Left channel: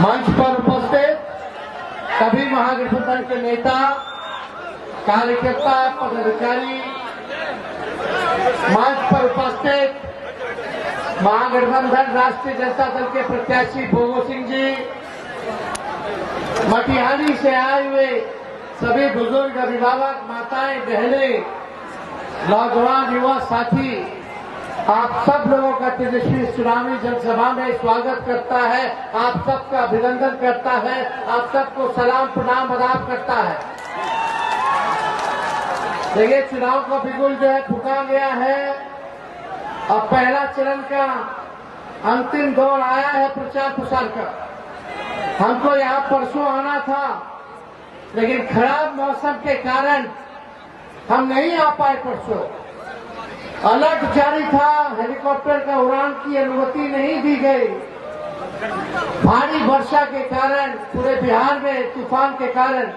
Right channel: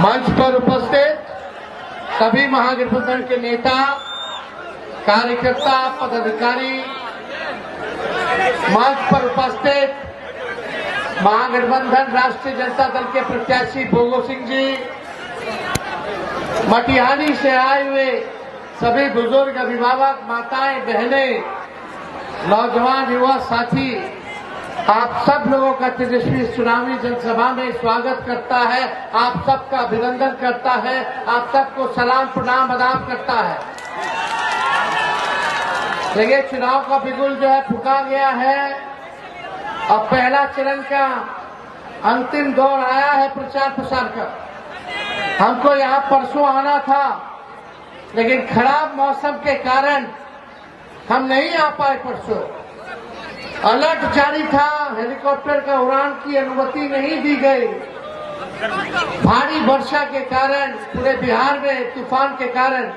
मंच पर उपस्थित सभी महागठबंधन के नेता, कार्यकर्ता, पदाधिकारी, मंच पर उपस्थित महागठबंधन राष्ट्रीय जनता दल के प्रत्याशी भोगो सिंह जी, मटिहानी से आए हुए सभी बुजुर्ग, अभिभावक, माताएं, बहनें, नौजवान, युवा साथी, आप सब लोगों का तेजस्वी चुनावी जनसभा में स्वागत करता है, आप सबका अभिनंदन करता है, आप सबको सलाम प्रणाम आदाब करता है। देखिए, चुनाव का बिगुल जो है फूंका गया है। अब पहला चरण का अंतिम दौर आया है प्रचार प्रसार का। हमको यहाँ परसों आना था, लेकिन खराब मौसम के कारण हम नहीं आ पाए। परसों अलर्ट जारी था, हेलीकॉप्टर का उड़ान की अनुमति नहीं दी गई। भारी वर्षा के कारण, पूरे बिहार में तूफान के कारण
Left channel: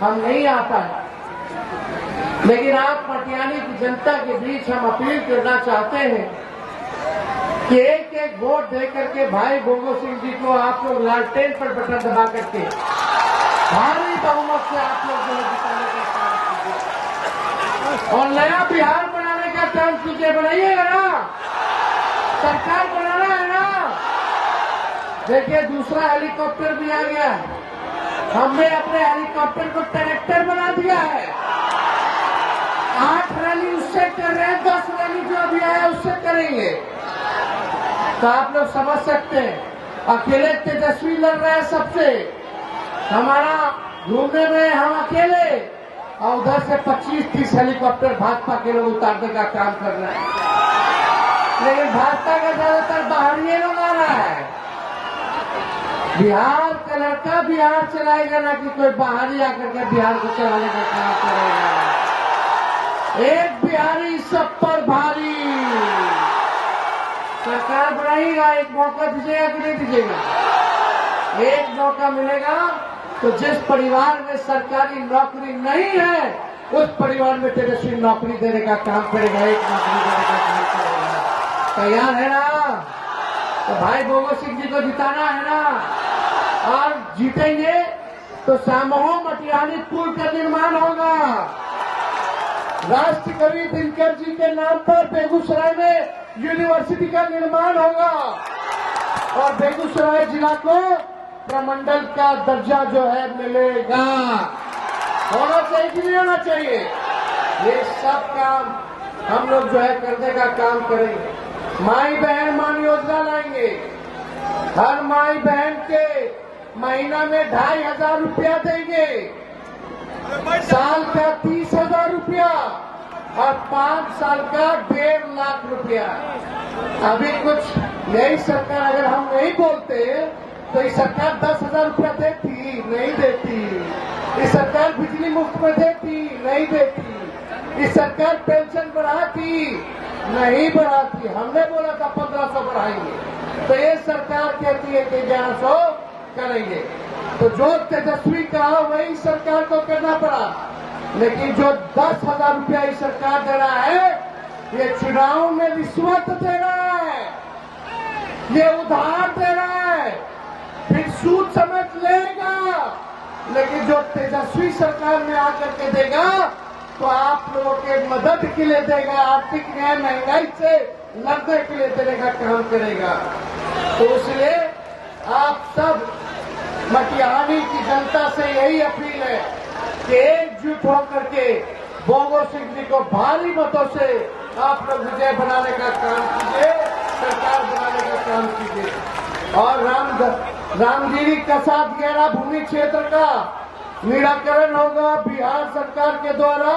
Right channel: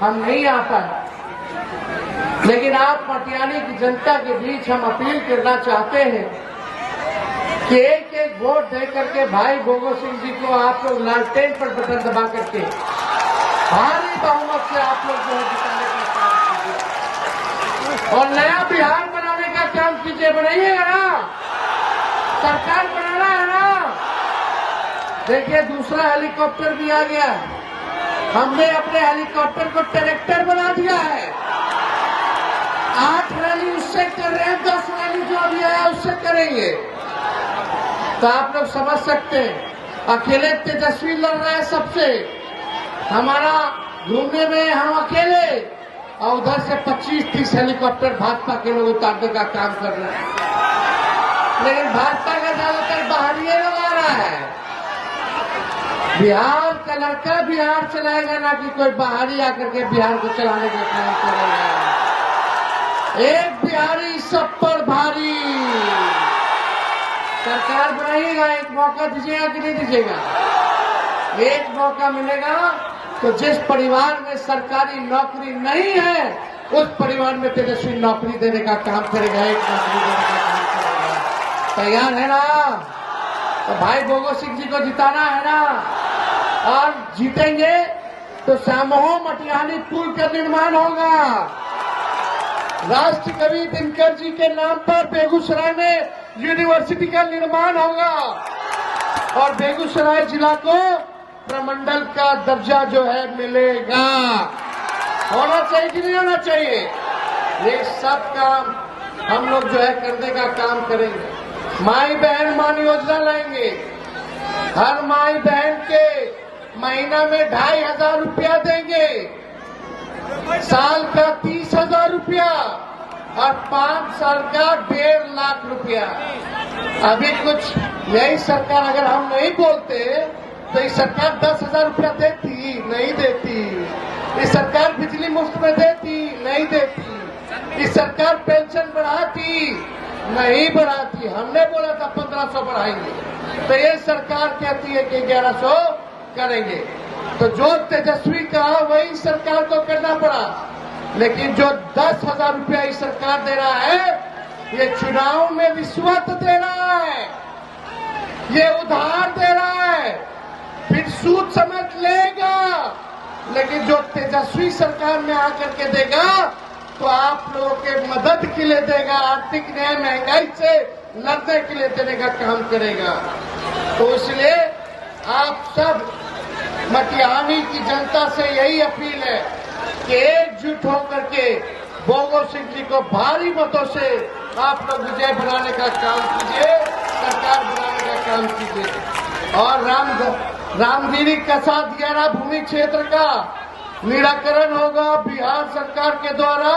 हम नहीं आ पाए। लेकिन आप मटिहानी की जनता के बीच हम अपील करना चाहते हैं कि एक एक वोट दे करके भाई भोगो सिंह जी को आप लोग लालटेन पर बटन दबा करके भारी बहुमत से आप लोग जो है जिताने का काम कीजिए और नया बिहार बनाने का काम कीजिए। बनाइएगा ना, सरकार बनाना है ना। देखिए, दूसरा हेलीकॉप्टर भी आ गया है। हमने अपने हेलीकॉप्टर को ट्रैक्टर बना दिया है। 8 रैली उससे कर रहे हैं, 10 रैली जो अभी आया उससे करेंगे। तो आप लोग समझ सकते हैं, अकेले तेजस्वी लड़ रहा है सबसे। हमारा घूमने में हम अकेले, और उधर से 25-30 हेलीकॉप्टर भाजपा के लोग उतारने का काम कर रहे हैं। लेकिन भाजपा का ज्यादातर बाहरी लोग आ रहा है। बिहार का लड़का बिहार चलाएगा, ना कि कोई बाहरी आकर के बिहार को चलाने का काम करेगा। एक बिहारी सब पर भारी। सरकार बनाइएगा, एक मौका दीजिएगा कि नहीं दीजिएगा? एक मौका मिलेगा तो जिस परिवार में सरकारी नौकरी नहीं है, उस परिवार में तेजस्वी नौकरी देने का काम करेगा, एक नौकरी देने का काम करेगा। तैयार है ना? तो भाई भोगो सिंह जी को जिताना है ना? और जीतेंगे तो सामूहिक मटिहानी पुल का निर्माण होगा। राष्ट्र कवि दिनकर जी के नाम पर बेगूसराय में यूनिवर्सिटी का निर्माण होगा और बेगूसराय जिला को प्रमंडल का दर्जा जो है मिलेगा। होना चाहिए कि नहीं होना चाहिए? ये सब काम हम लोग जो है करने का काम करेंगे। माई बहन मान योजना लाएंगे। हर माई बहन के महीना में 2500 रुपया देंगे, साल का 30,000 रुपया और 5 साल का 1.5 लाख रुपया। अभी कुछ यही सरकार, अगर हम नहीं बोलते तो ये सरकार 10,000 रुपया देती, नहीं देती। ये सरकार बिजली मुफ्त में देती, नहीं देती। ये सरकार पेंशन बढ़ाती, नहीं बढ़ाती। हमने बोला था 1500 बढ़ाएंगे, तो ये सरकार कहती है कि 1100 करेंगे। तो जो तेजस्वी कहा वही सरकार को करना पड़ा। लेकिन जो 10,000 रुपया इस सरकार दे रहा है, ये चुनाव में रिश्वत दे रहा है, ये उधार दे रहा है, फिर सूद समझ लेगा। लेकिन जो तेजस्वी सरकार में आकर के देगा तो आप लोगों के मदद के लिए देगा, आर्थिक न्याय, महंगाई से लड़ने के लिए देने का काम करेगा। तो इसलिए आप सब मटिहानी की जनता से यही अपील है कि एकजुट होकर के भोगो सिंह जी को भारी मतों से आप लोग विजय बनाने का काम कीजिए, सरकार बनाने का काम कीजिए। और रामगिरी कसा दियारा भूमि क्षेत्र का निराकरण होगा। बिहार सरकार के द्वारा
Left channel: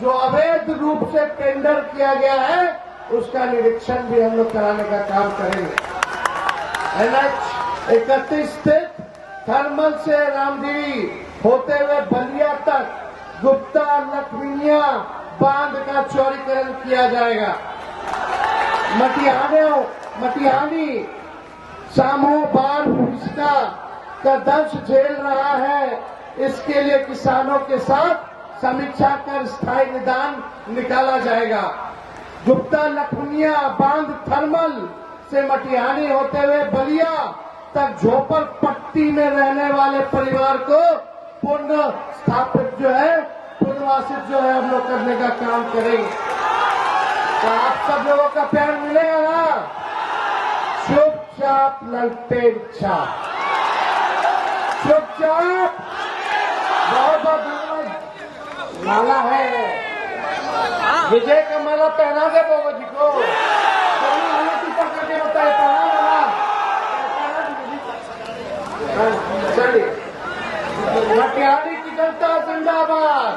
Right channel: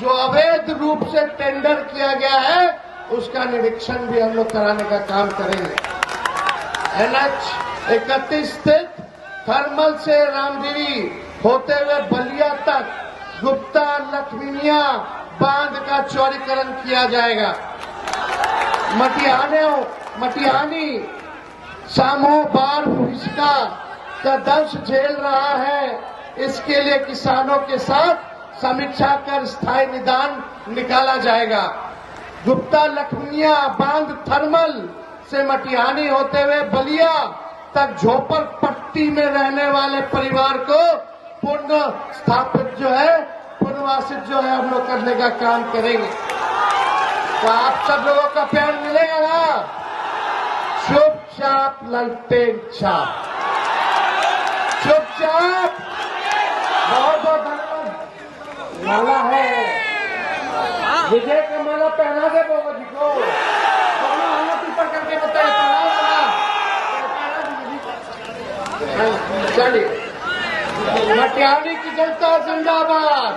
जो अवैध रूप से टेंडर किया गया है, उसका निरीक्षण भी हम लोग कराने का काम करेंगे। NH 31 स्थित थर्मल से रामगिरी होते हुए बलिया तक गुप्ता लखमीनिया बांध का चौड़ीकरण किया जाएगा। मटिहानी सामो बाढ़ भूमिका का दंश झेल रहा है। इसके लिए किसानों के साथ समीक्षा कर स्थायी निदान निकाला जाएगा। गुप्ता लखमीनिया बांध थर्मल से मटिहानी होते हुए बलिया तक झोपड़पट्टी में रहने वाले परिवार को पुनः स्थापित जो है, पुनर्वासित जो है हम लोग करने का काम करेंगे। तो आप सब लोगों का प्यार मिलेगा ना? चुपचाप ललटेन छाप, चुपचाप। बहुत बहुत धन्यवाद। माला है, विजय का माला पहना दे बाबा जी को, दोनों हाथ ऊपर करके बताए चलिए। मटिहानी की जनता जिंदाबाद।